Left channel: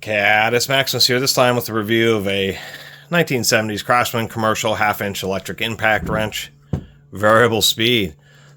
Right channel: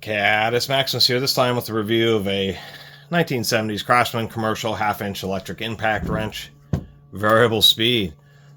Catus Maximus here, this time with a review of a 1970s Craftsman commercial half-inch electric impact wrench. Variable speed.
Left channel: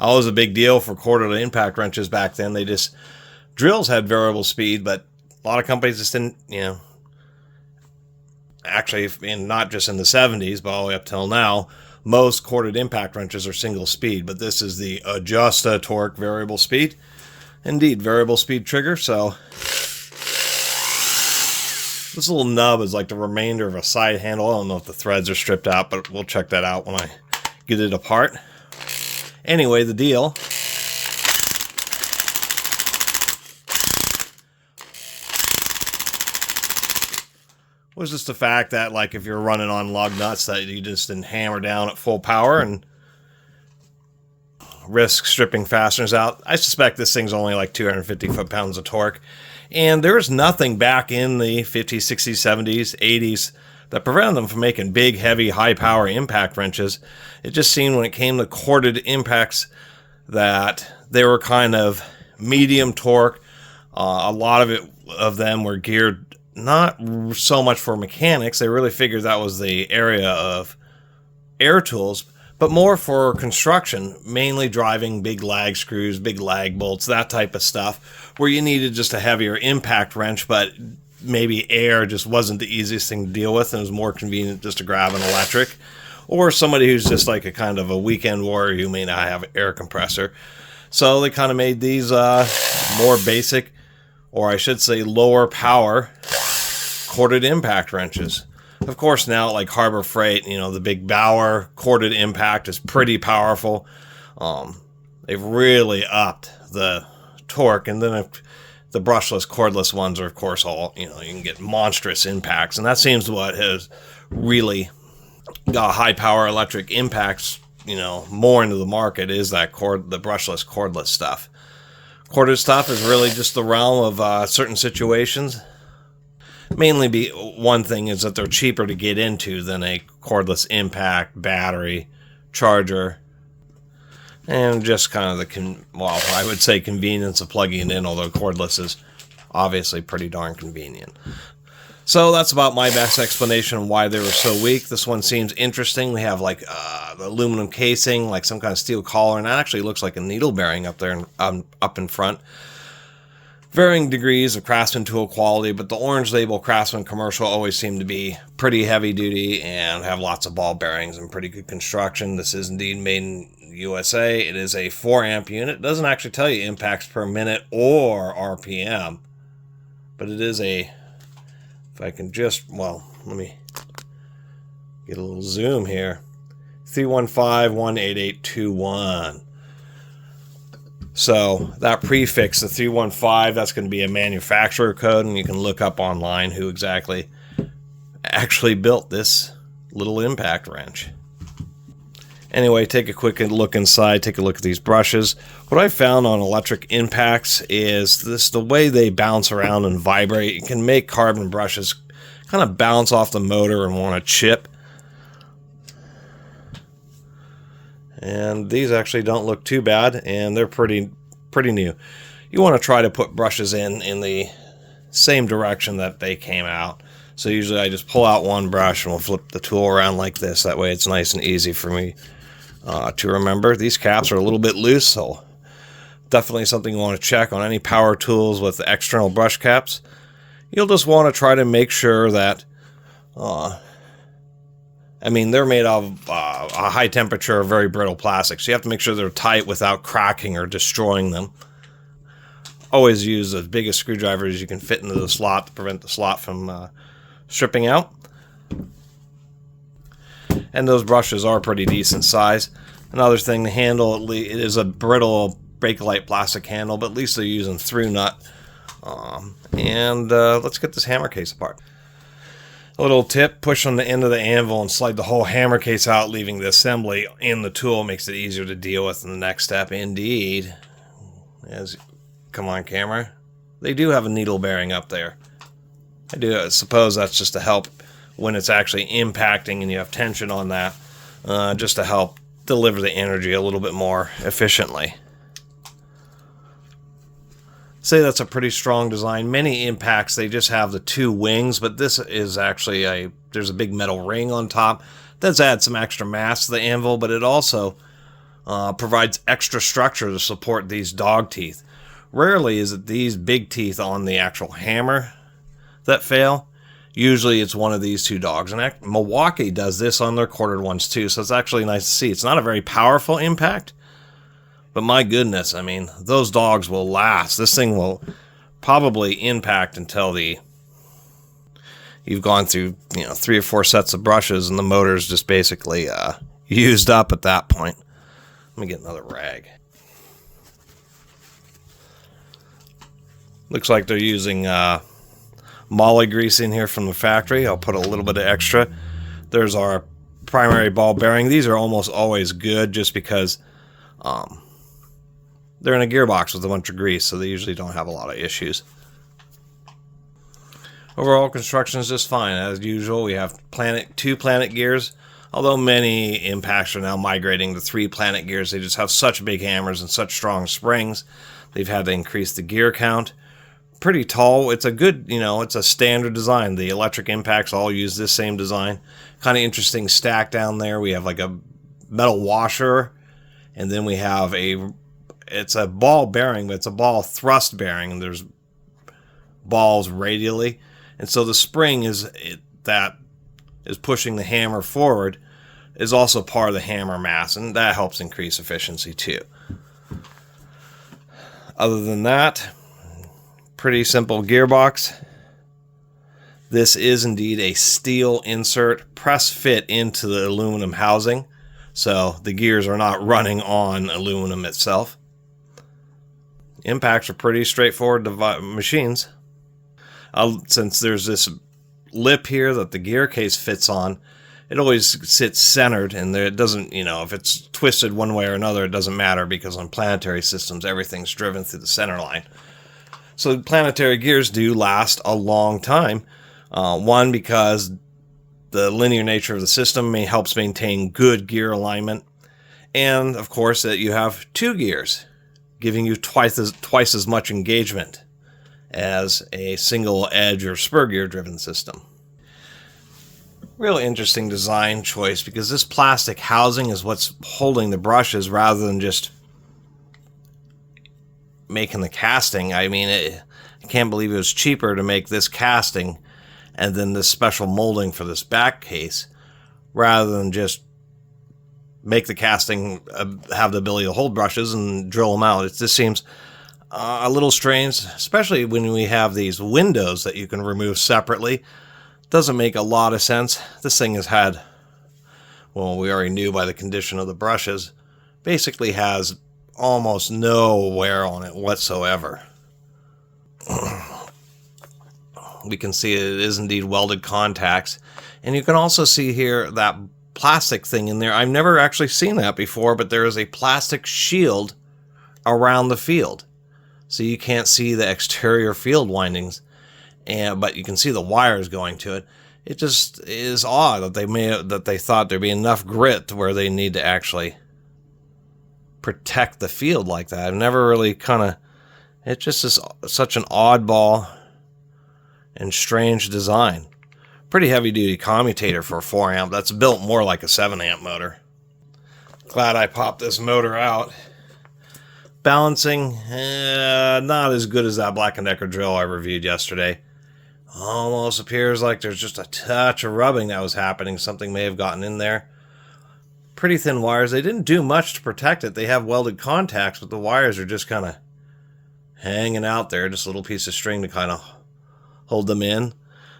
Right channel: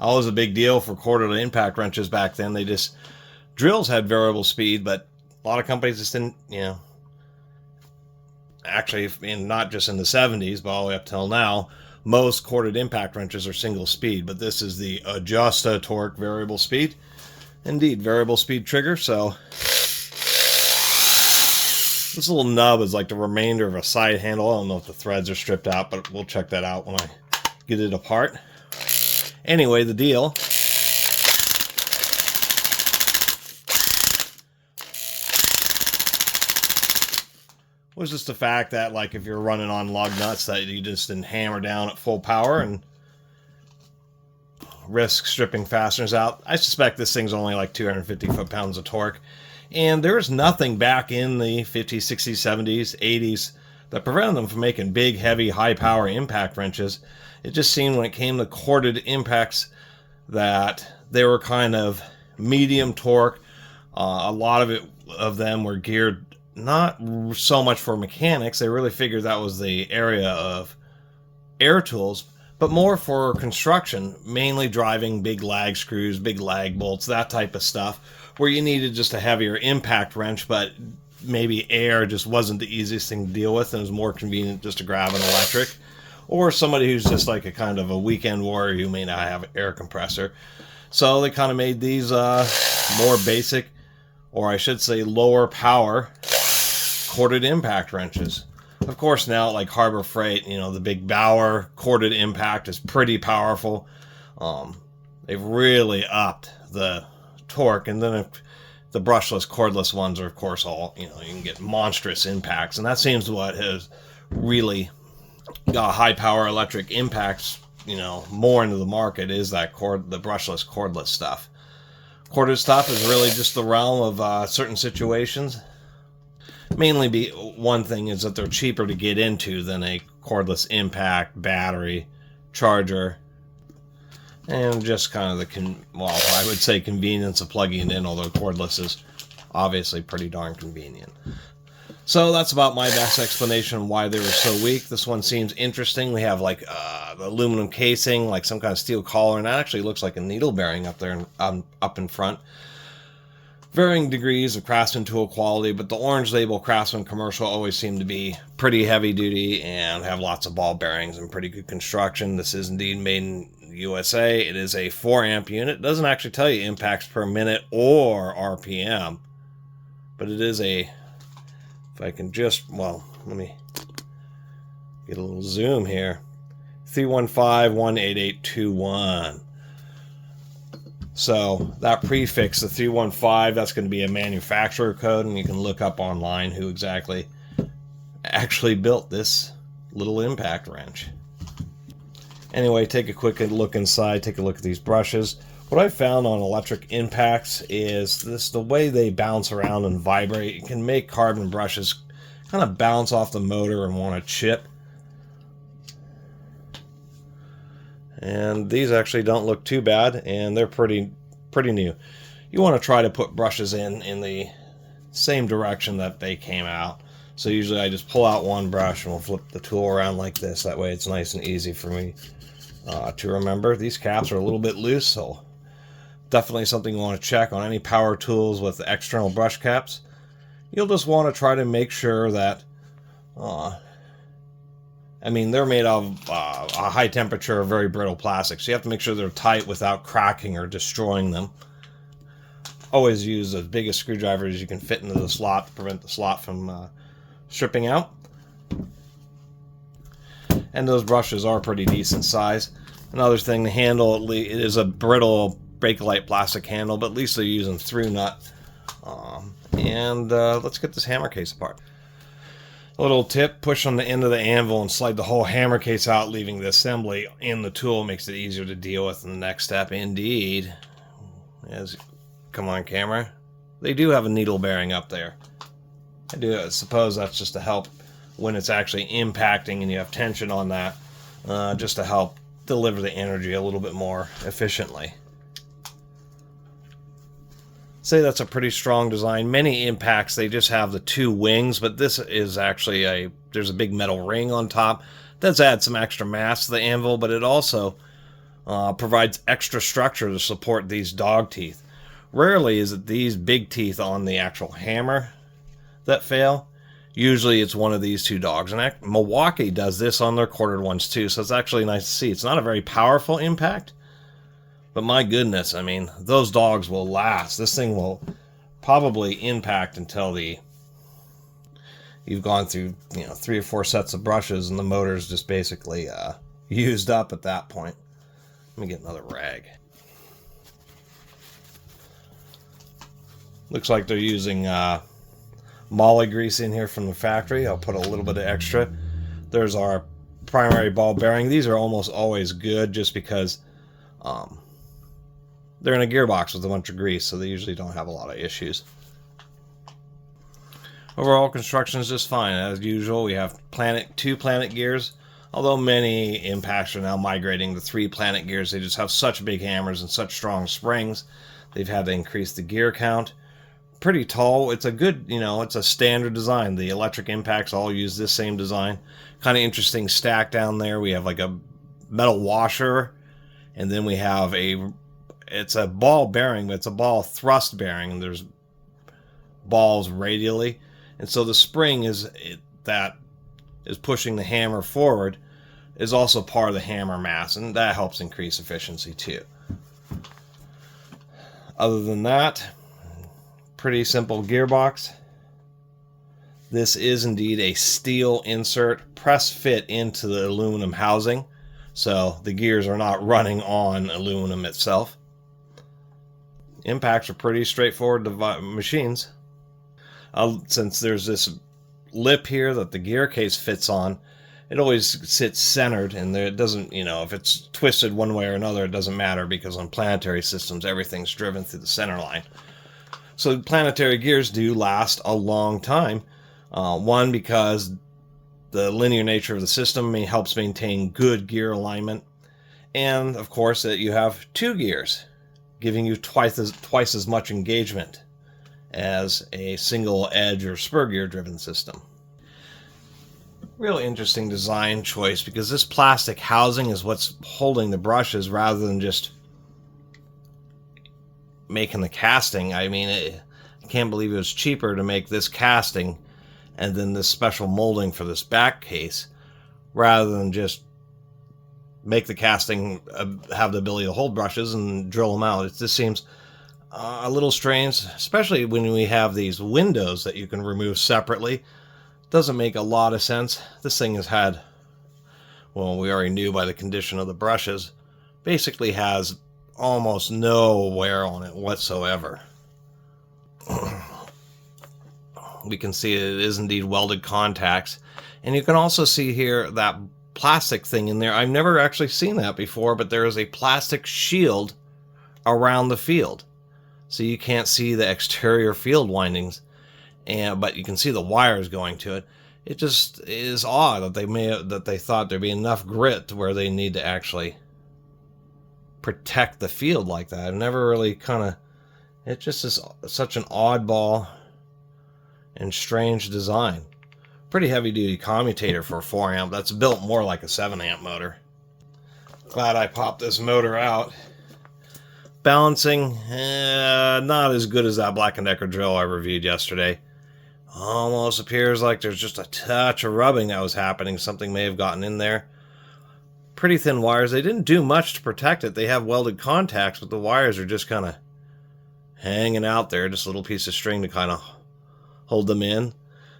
Always a big deal for quarterly impact wrenches back then. Drills had variable speed, but a lot of companies just didn't, actually, not just in the 70s, but all the way up till now, most corded impact wrenches are single speed, but this is the Adjusta-Torque variable speed. Indeed, variable speed trigger, so this little nub is like the remainder of a side handle. I don't know if the threads are stripped out, but we'll check that out when I get it apart. Anyway, the deal was just the fact that, like, if you're running on lug nuts, that you just didn't hammer down at full power and risk stripping fasteners out. I suspect this thing's only like 250 foot-pounds of torque. And there was nothing back in the 50s, 60s, 70s, 80s that prevented them from making big, heavy, high-power impact wrenches. It just seemed when it came to corded impacts that they were kind of medium torque. A lot of them were geared not so much for mechanics. They really figured that was the area of air tools, but more for construction, mainly driving big lag screws, big lag bolts, that type of stuff, where you needed just a heavier impact wrench, but maybe air just wasn't the easiest thing to deal with, and it was more convenient just to grab an electric. Or somebody who's just like a kind of a weekend warrior who may not have an air compressor. So they kind of made these more basic, or I should say lower power, corded impact wrenches. Of course, now, like Harbor Freight, the big Bauer corded impact is pretty powerful. They've really upped the torque, and then the brushless, cordless ones are, of course, all, you can get monstrous impacts, and that seems what has really got high power electric impacts, more into the market, is that the brushless, cordless stuff. Corded stuff is really just the realm of certain situations. Mainly one thing is that they're cheaper to get into than a cordless impact, battery, charger, and just kind of I would say convenience of plugging it in, although cordless is obviously pretty darn convenient. So that's about my best explanation on why they were so weak. This one seems interesting. We have like the aluminum casing, like some kind of steel collar, and that actually looks like a needle bearing up there, up in front. Varying degrees of Craftsman tool quality, but the orange label Craftsman commercial always seem to be pretty heavy duty and have lots of ball bearings and pretty good construction. This is indeed made in USA. It is a 4 amp unit. It doesn't actually tell you impacts per minute or RPM, but it is if I can just, let me get a little zoom here. 315-18821. So that prefix, the 315, that's going to be a manufacturer code, and you can look up online who exactly actually built this little impact wrench. Anyway, take a quick look inside, take a look at these brushes. What I found on electric impacts is the way they bounce around and vibrate. You can make carbon brushes kind of bounce off the motor and want to chip. And these actually don't look too bad, and they're pretty new. You want to try to put brushes in the same direction that they came out. So usually I just pull out one brush and we'll flip the tool around like this. That way it's nice and easy for me to remember. These caps are a little bit loose, so definitely something you want to check on any power tools with external brush caps. You'll just want to try to make sure that they're made of a high temperature, very brittle plastic, so you have to make sure they're tight without cracking or destroying them. Always use as big a screwdriver as you can fit into the slot to prevent the slot from stripping out. And those brushes are pretty decent size. Another thing, the handle, it is a brittle Bakelite plastic handle, but at least they're using through nut. Let's get this hammer case apart. A little tip, push on the end of the anvil and slide the whole hammer case out, leaving the assembly in the tool. Makes it easier to deal with in the next step. Indeed. Come on, camera. They do have a needle bearing up there. I suppose that's just to help when it's actually impacting and you have tension on that, just to help deliver the energy a little bit more efficiently. Say that's a pretty strong design. Many impacts, they just have the two wings, but this is actually there's a big metal ring on top. Does add some extra mass to the anvil, but it also provides extra structure to support these dog teeth. Rarely is it these big teeth on the actual hammer that fail. Usually it's one of these two dogs. And Milwaukee does this on their quartered ones too, so it's actually nice to see. It's not a very powerful impact, but my goodness, I mean, those dogs will last. This thing will probably impact until you've gone through, 3 or 4 sets of brushes and the motor's just basically used up at that point. Let me get another rag. Looks like they're using molly grease in here from the factory. I'll put a little bit of extra. There's our primary ball bearing. These are almost always good just because they're in a gearbox with a bunch of grease, so they usually don't have a lot of issues. Overall construction is just fine. As usual, we have 2 planet gears, although many impacts are now migrating to 3 planet gears. They just have such big hammers and such strong springs. They've had to increase the gear count. Pretty tall. It's a good, it's a standard design. The electric impacts all use this same design. Kind of interesting stack down there. We have like a metal washer, and then we have it's a ball bearing, but it's a ball thrust bearing, and there's balls radially. And so the spring that is pushing the hammer forward is also part of the hammer mass, and that helps increase efficiency too. Other than that, pretty simple gearbox. This is indeed a steel insert press fit into the aluminum housing, so the gears are not running on aluminum itself. Impacts are pretty straightforward machines. Since there's this lip here that the gear case fits on, it always sits centered, and it doesn't, if it's twisted one way or another, it doesn't matter, because on planetary systems, everything's driven through the center line. So planetary gears do last a long time. One, because the linear nature of the system helps maintain good gear alignment. And, of course, that you have 2 gears, giving you twice as much engagement as a single edge or spur gear driven system. Really interesting design choice, because this plastic housing is what's holding the brushes rather than just making the casting. I mean, I can't believe it was cheaper to make this casting and then this special molding for this back case rather than just make the casting have the ability to hold brushes and drill them out. It just seems a little strange, especially when we have these windows that you can remove separately. Doesn't make a lot of sense. This thing has had, well, we already knew by the condition of the brushes, basically has almost no wear on it whatsoever. We can see it is indeed welded contacts, and you can also see here that plastic thing in there. I've never actually seen that before, but there is a plastic shield around the field, so you can't see the exterior field windings, but you can see the wires going to it. It just is odd that they thought there'd be enough grit to where they need to actually protect the field like that. I've never really it just is such an oddball and strange design. Pretty heavy duty commutator for a 4 amp. That's built more like a 7 amp motor. Glad I popped this motor out. Balancing, not as good as that Black & Decker drill I reviewed yesterday. Almost appears like there's just a touch of rubbing that was happening. Something may have gotten in there. Pretty thin wires. They didn't do much to protect it. They have welded contacts, but the wires are just kind of hanging out there. Just a little piece of string to kind of hold them in.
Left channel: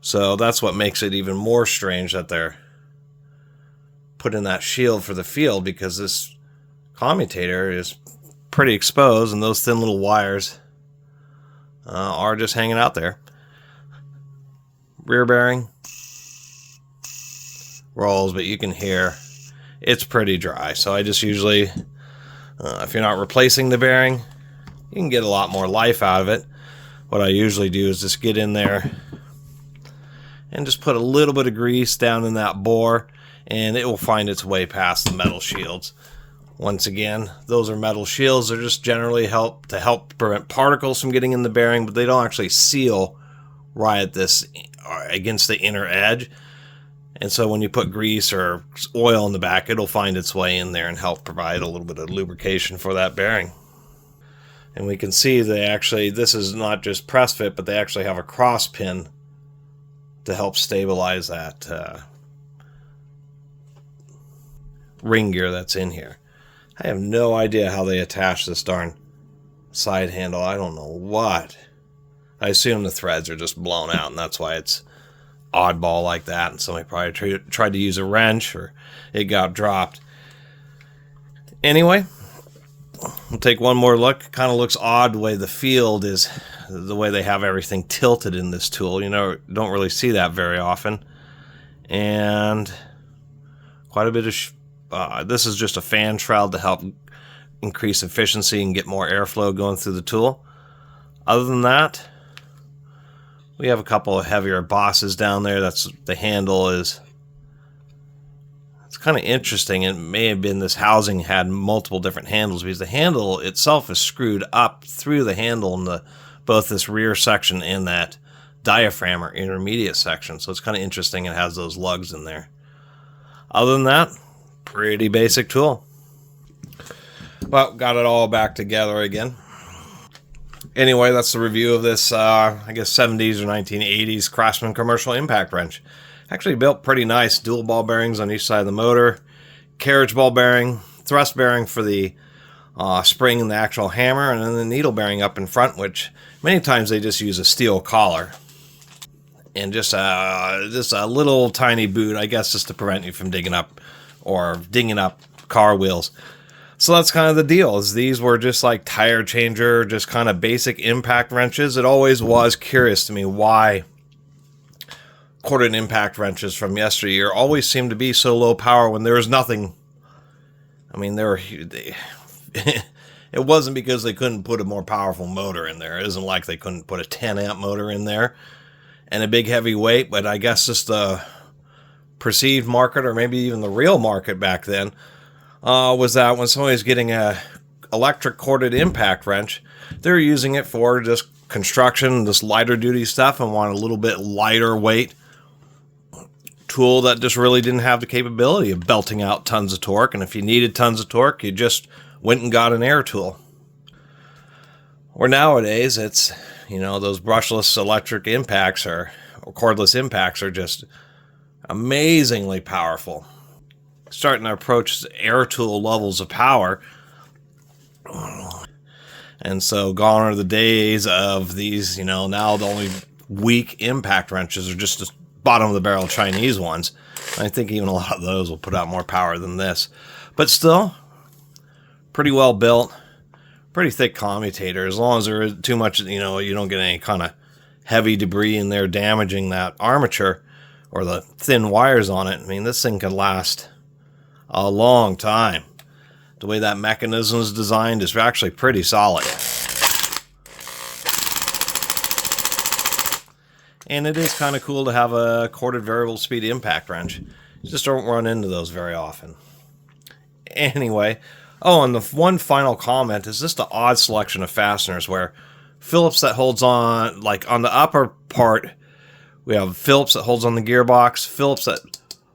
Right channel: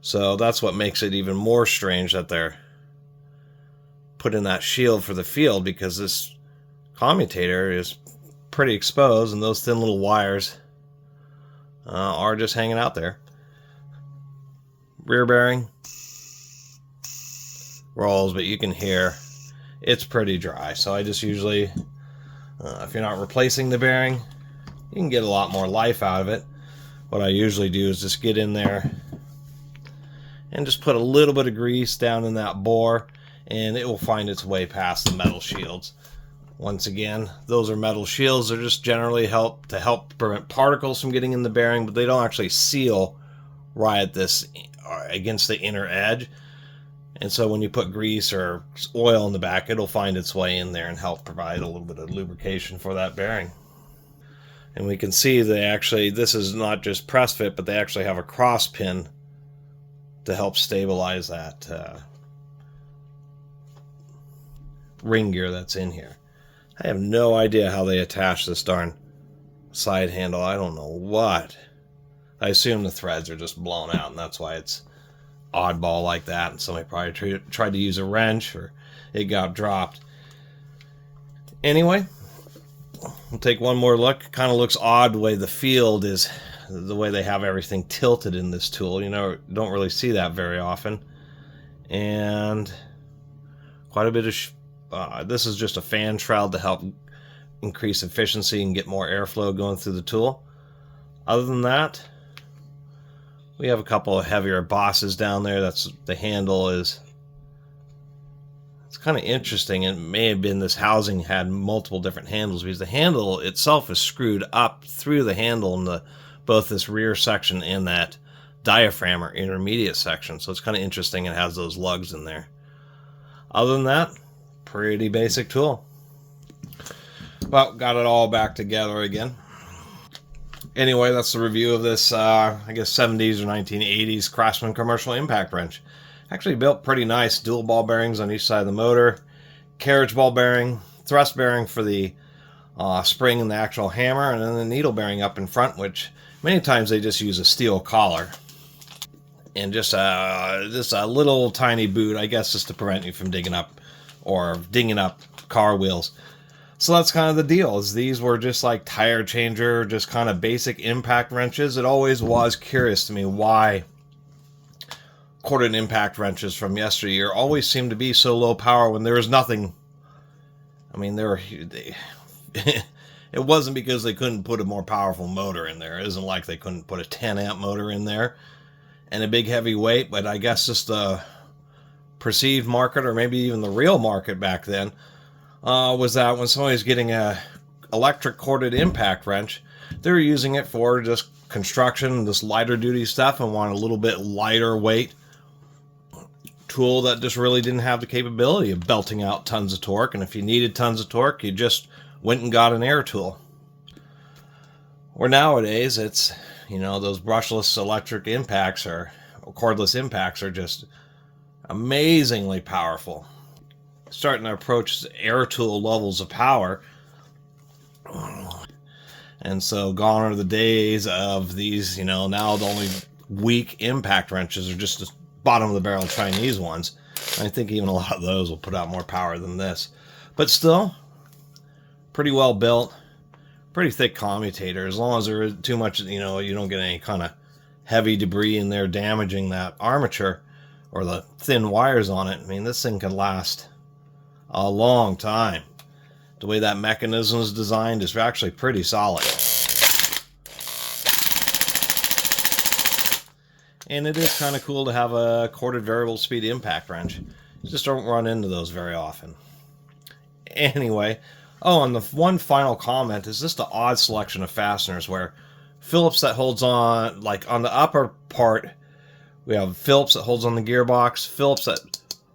So that's what makes it even more strange that they're putting that shield for the field, because this commutator is pretty exposed and those thin little wires are just hanging out there. Rear bearing rolls, but you can hear it's pretty dry. So I just usually, if you're not replacing the bearing, you can get a lot more life out of it. What I usually do is just get in there and just put a little bit of grease down in that bore, and it will find its way past the metal shields. Once again, those are metal shields. They're just generally help prevent particles from getting in the bearing, but they don't actually seal right at this against the inner edge. And so when you put grease or oil in the back, it'll find its way in there and help provide a little bit of lubrication for that bearing. And we can see they actually, this is not just press fit, but they actually have a cross pin to help stabilize that ring gear that's in here. I have no idea how they attach this darn side handle. I don't know what. I assume the threads are just blown out, and that's why it's oddball like that. And somebody probably tried to use a wrench, or it got dropped. Anyway, we'll take one more look. Kind of looks odd the way the field is, the way they have everything tilted in this tool. You know, don't really see that very often. And quite a bit of this is just a fan shroud to help increase efficiency and get more airflow going through the tool. Other than that, we have a couple of heavier bosses down there. That's the handle is. It's kind of interesting. It may have been this housing had multiple different handles, because the handle itself is screwed up through the handle in both this rear section and that diaphragm or intermediate section. So it's kind of interesting. It has those lugs in there. Other than that, pretty basic tool. Well, got it all back together again. Anyway, that's the review of this, I guess 70s or 1980s Craftsman commercial impact wrench. Actually built pretty nice. Dual ball bearings on each side of the motor. Carriage ball bearing. Thrust bearing for the spring and the actual hammer. And then the needle bearing up in front, which many times they just use a steel collar. And just a little tiny boot, I guess, just to prevent you from dinging up car wheels. So that's kind of the deal. Is these were just like tire changer, just kind of basic impact wrenches. It always was curious to me why corded impact wrenches from yesteryear always seemed to be so low power when there was nothing. I mean, it wasn't because they couldn't put a more powerful motor in there. It isn't like they couldn't put a 10 amp motor in there and a big heavy weight, but I guess just the perceived market, or maybe even the real market back then, was that when somebody's getting a electric corded impact wrench, they're using it for just construction, this lighter duty stuff, and want a little bit lighter weight tool that just really didn't have the capability of belting out tons of torque. And if you needed tons of torque, you just went and got an air tool. Or nowadays, it's, you know, those brushless electric impacts or cordless impacts are just amazingly powerful. Starting to approach air tool levels of power. And so gone are the days of these, you know, now the only weak impact wrenches are just the bottom of the barrel Chinese ones. I think even a lot of those will put out more power than this. But still, pretty well built, pretty thick commutator. As long as there isn't too much, you know, you don't get any kind of heavy debris in there damaging that armature or the thin wires on it. I mean, this thing can last a long time. The way that mechanism is designed is actually pretty solid. And it is kind of cool to have a corded variable speed impact wrench. You just don't run into those very often. Anyway, oh, and the one final comment is just an odd selection of fasteners where Phillips that holds on, like on the upper part, we have Phillips that holds on the gearbox, Phillips that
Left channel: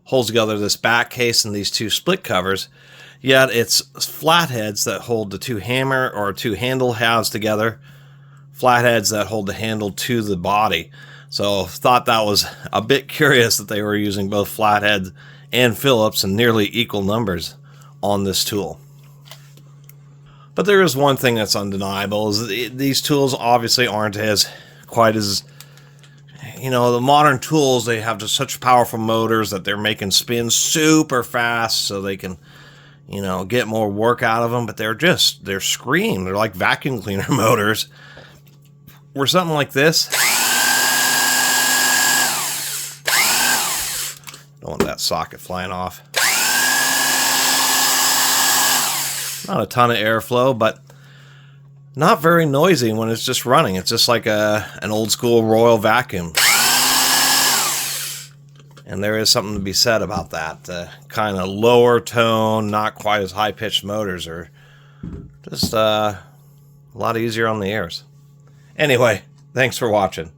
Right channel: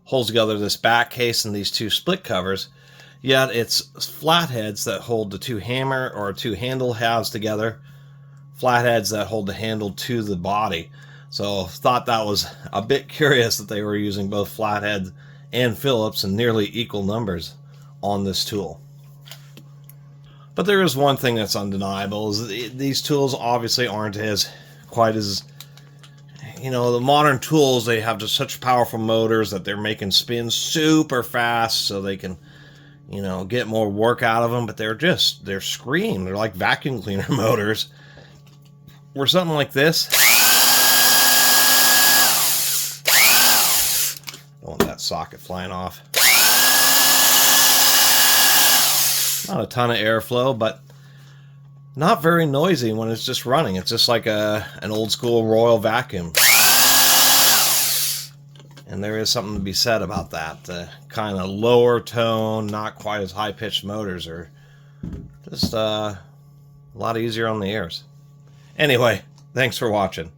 holds together this back case and these two split covers, yet it's flatheads that hold the two hammer or two handle halves together, flatheads that hold the handle to the body. So thought that was a bit curious that they were using both flatheads and Phillips in nearly equal numbers on this tool. But there is one thing that's undeniable, is these tools obviously aren't quite as, you know, the modern tools, they have just such powerful motors that they're making spin super fast so they can, you know, get more work out of them, but they're scream. They're like vacuum cleaner motors. Where something like this, don't want that socket flying off. Not a ton of airflow, but not very noisy when it's just running. It's just like an old school Royal vacuum. And there is something to be said about that. Kind of lower tone, not quite as high-pitched motors are just a lot easier on the ears. Anyway, thanks for watching.